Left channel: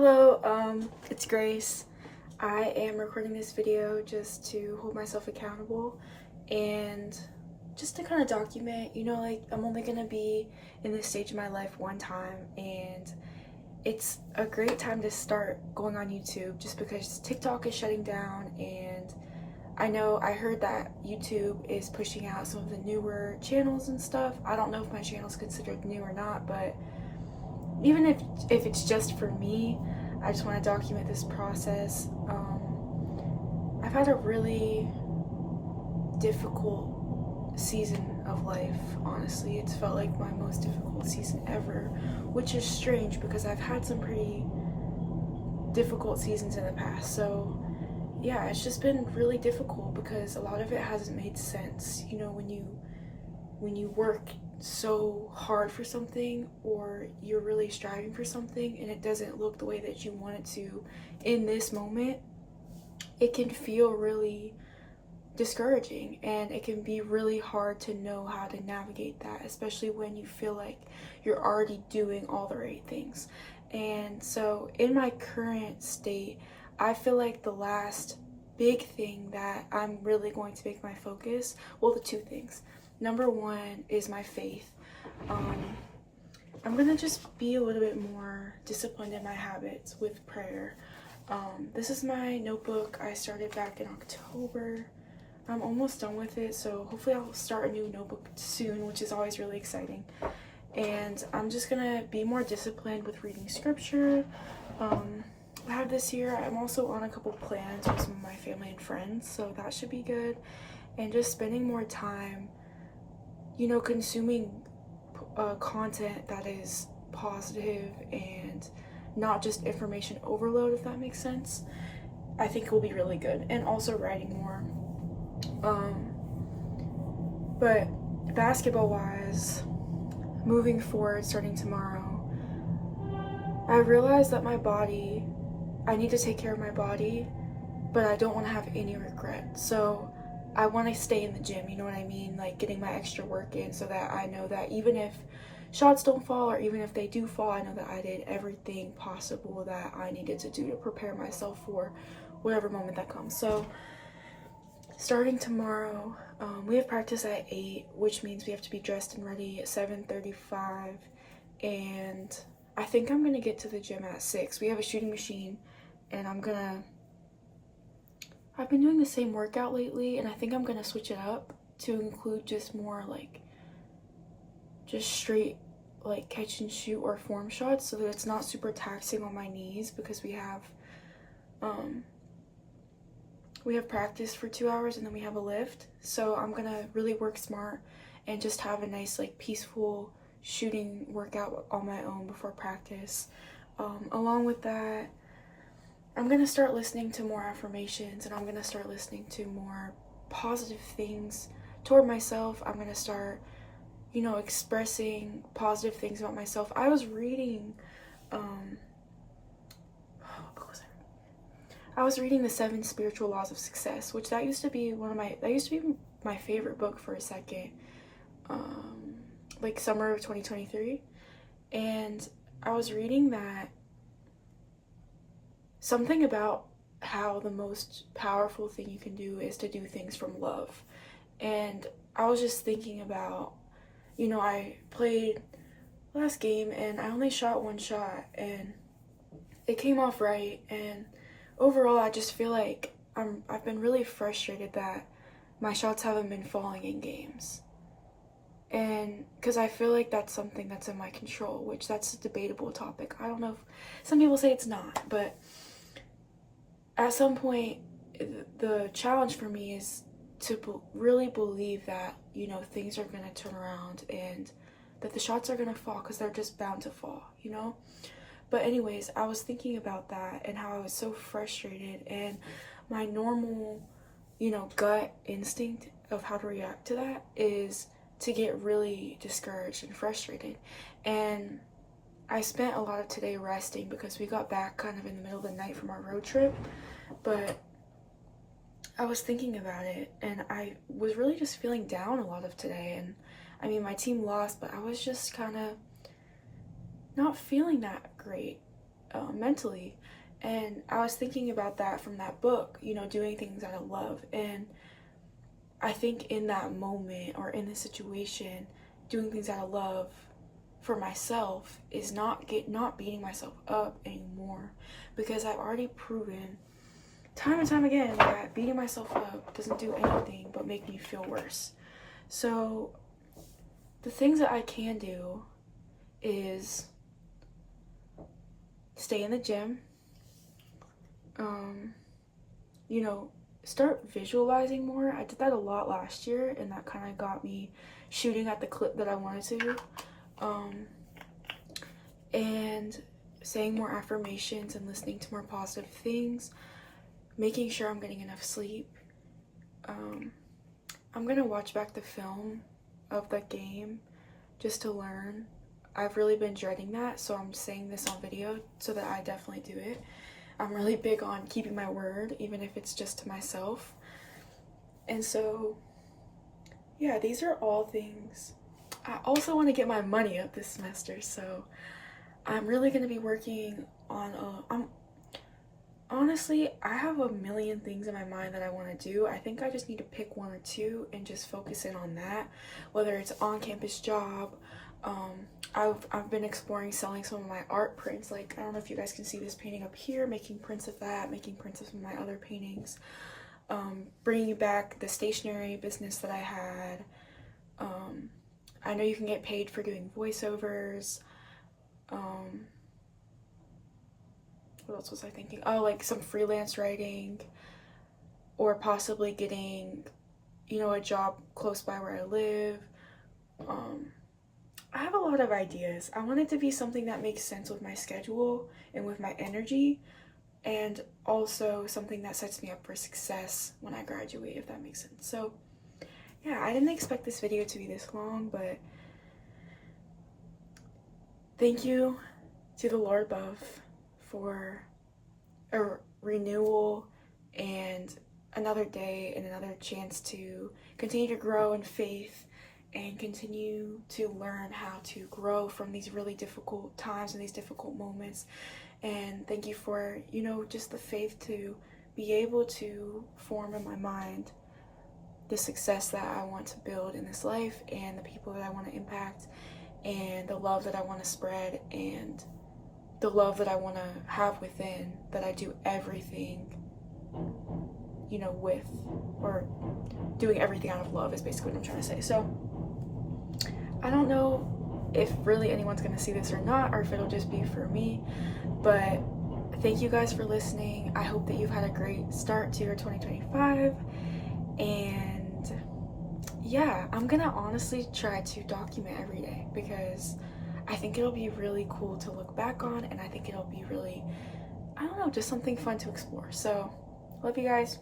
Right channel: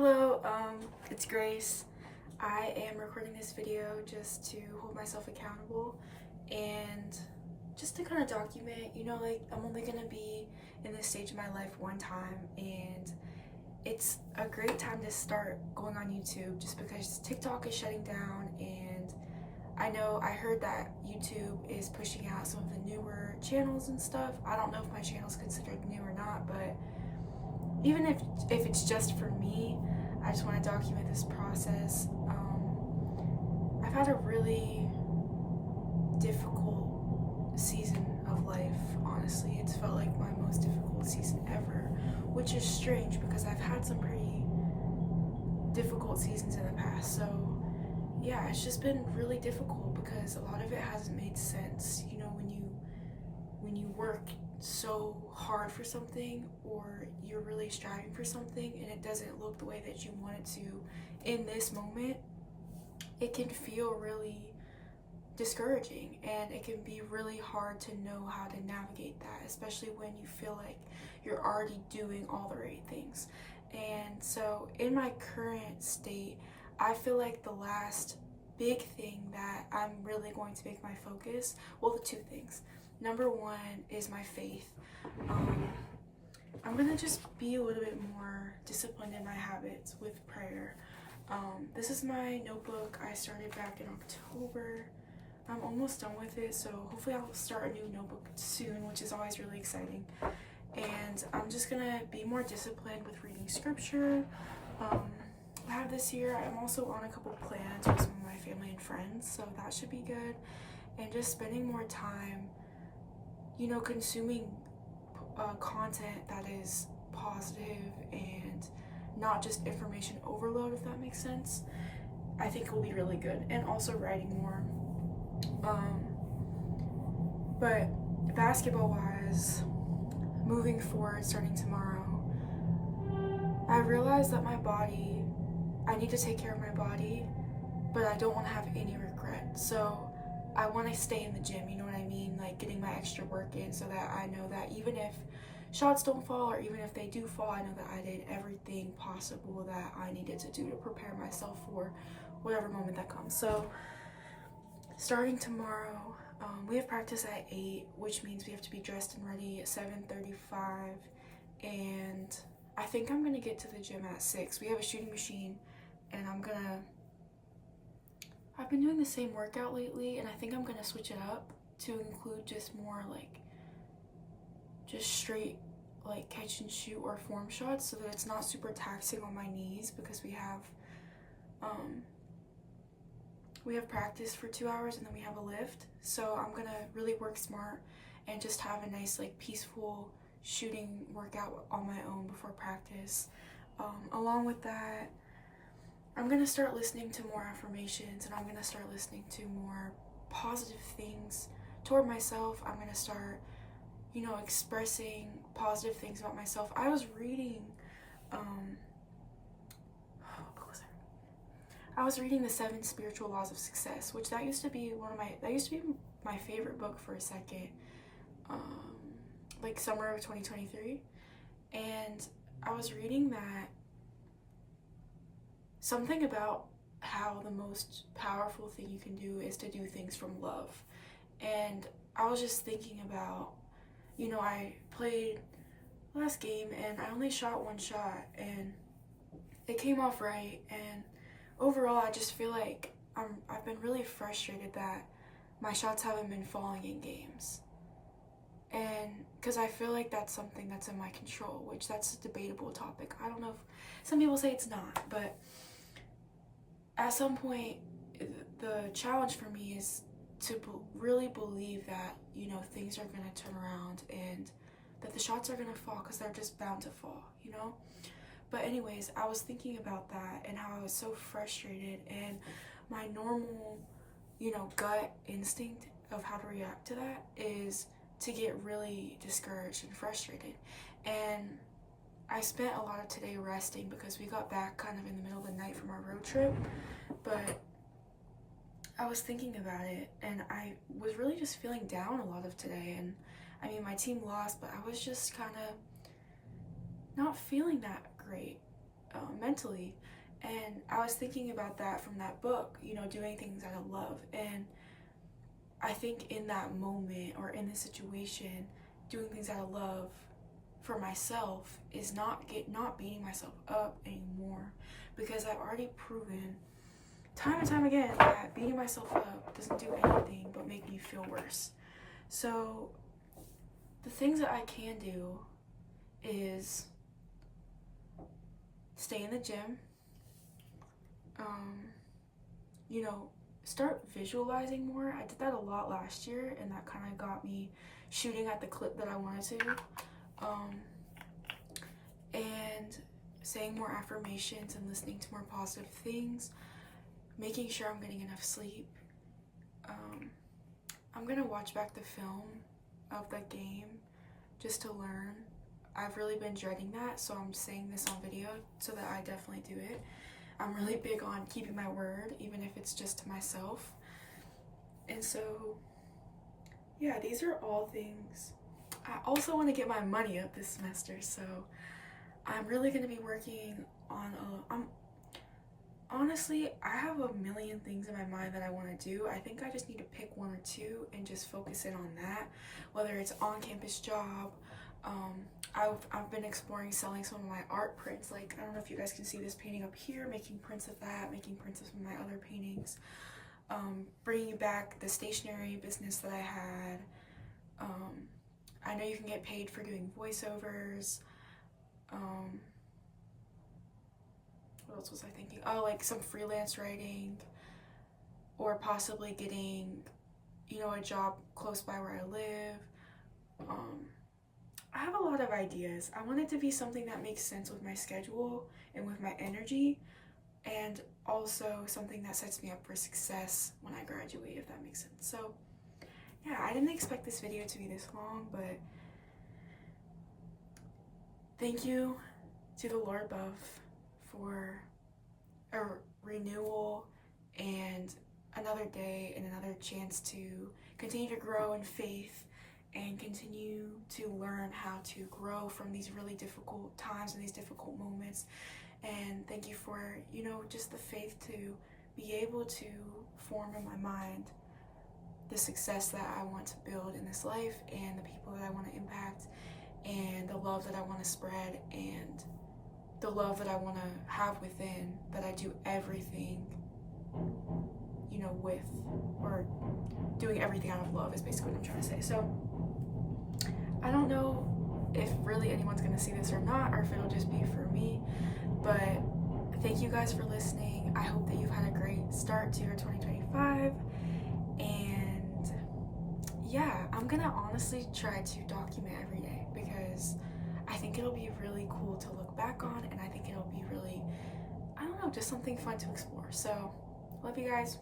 Hello, it's Grace. I am recording this video just to hold myself accountable and just to kind of document, like I'm only gonna be in this stage of my life one time, and it's a great time to start going on YouTube just because TikTok is shutting down. And I heard that YouTube is pushing out some of the newer channels and stuff. I don't know if my channel is considered new or not, but even if it's just for me, I just want to document this process. I've had a really difficult season of life, honestly. It's felt like my most difficult season ever, which is strange because I've had some pretty difficult seasons in the past. So yeah, it's just been really difficult because a lot of it hasn't made sense. When you work so hard for something, or you're really striving for something and it doesn't look the way that you want it to in this moment, it can feel really discouraging, and it can be really hard to know how to navigate that, especially when you feel like you're already doing all the right things. And so in my current state, I feel like the last big thing that I'm really going to make my focus, well, the two things. Number one is my faith. I'm gonna just be a little bit more disciplined in my habits with prayer. This is my notebook I started back in October. I'm almost done with it, so hopefully I'll start a new notebook soon, which is always really exciting. And I'm just gonna be more disciplined with reading scripture. I have this year, I'm also on a couple plans with some of my family and friends, so that should be good. And just spending more time, consuming content that is positive and not just information overload, if that makes sense. I think will be really good. And also writing more. But basketball wise, moving forward, starting tomorrow, I realized that I need to take care of my body, but I don't want to have any regret. So I want to stay in the gym, you know what I mean? Like getting my extra work in so that I know that even if shots don't fall, or even if they do fall, I know that I did everything possible that I needed to do to prepare myself for whatever moment that comes. So starting tomorrow, we have practice at 8, which means we have to be dressed and ready at 7:35, and I think I'm gonna get to the gym at 6. We have a shooting machine, and I've been doing the same workout lately, and I think I'm gonna switch it up to include just more just straight catch and shoot or form shots, so that it's not super taxing on my knees, because we have practice for 2 hours and then we have a lift. So I'm gonna really work smart and just have a nice peaceful shooting workout on my own before practice. Along with that, I'm gonna start listening to more affirmations, and I'm gonna start listening to more positive things toward myself. I'm gonna start expressing positive things about myself. I was reading what book was I was reading The 7 Spiritual Laws of Success, which that used to be my favorite book for a second, summer of 2023. And I was reading that something about how the most powerful thing you can do is to do things from love. And I was just thinking about, I played last game and I only shot one shot and it came off right, and overall I just feel like I've been really frustrated that my shots haven't been falling in games. And because I feel like that's something that's in my control, which that's a debatable topic. I don't know if some people say it's not, but at some point the challenge for me is to really believe that things are gonna turn around and that the shots are gonna fall, because they're just bound to fall. But anyways, I was thinking about that and how I was so frustrated, and my normal gut instinct of how to react to that is to get really discouraged and frustrated. And I spent a lot of today resting because we got back kind of in the middle of the night from our road trip. But I was thinking about it, and I was really just feeling down a lot of today. And I mean, my team lost, but I was just kind of not feeling that great. mentally. And I was thinking about that from that book, you know, doing things out of love. And I think in that moment or in this situation, doing things out of love for myself is not beating myself up anymore, because I've already proven time and time again that beating myself up doesn't do anything but make me feel worse. So the things that I can do is stay in the gym, you know, start visualizing more. I did that a lot last year, and that kind of got me shooting at the clip that I wanted to. And saying more affirmations and listening to more positive things, making sure I'm getting enough sleep. I'm gonna watch back the film of the game just to learn. I've really been dreading that, so I'm saying this on video so that I definitely do it. I'm really big on keeping my word, even if it's just to myself. And so, yeah, these are all things. I also want to get my money up this semester, so I'm really going to be working on honestly, I have a million things in my mind that I want to do. I think I just need to pick one or two and just focus in on that, whether it's on-campus job. I've been exploring selling some of my art prints. Like, I don't know if you guys can see this painting up here, making prints of that, making prints of some of my other paintings, bringing back the stationery business that I had. I know you can get paid for doing voiceovers. What else was I thinking? Oh, like some freelance writing, or possibly getting, you know, a job close by where I live. I have a lot of ideas. I want it to be something that makes sense with my schedule and with my energy, and also something that sets me up for success when I graduate, if that makes sense. So yeah, I didn't expect this video to be this long, but thank you to the Lord above for a renewal and another day and another chance to continue to grow in faith and continue to learn how to grow from these really difficult times and these difficult moments. And thank you for, you know, just the faith to be able to form in my mind the success that I want to build in this life, and the people that I want to impact, and the love that I want to spread, and the love that I want to have within, that I do everything, you know, with, or doing everything out of love is basically what I'm trying to say. So I don't know if really anyone's gonna see this or not, or if it'll just be for me, but thank you guys for listening. I hope that you've had a great start to your 2025, and yeah, I'm gonna honestly try to document every day, because I think it'll be really cool to look back on, and I think it'll be really, I don't know, just something fun to explore. So love you guys.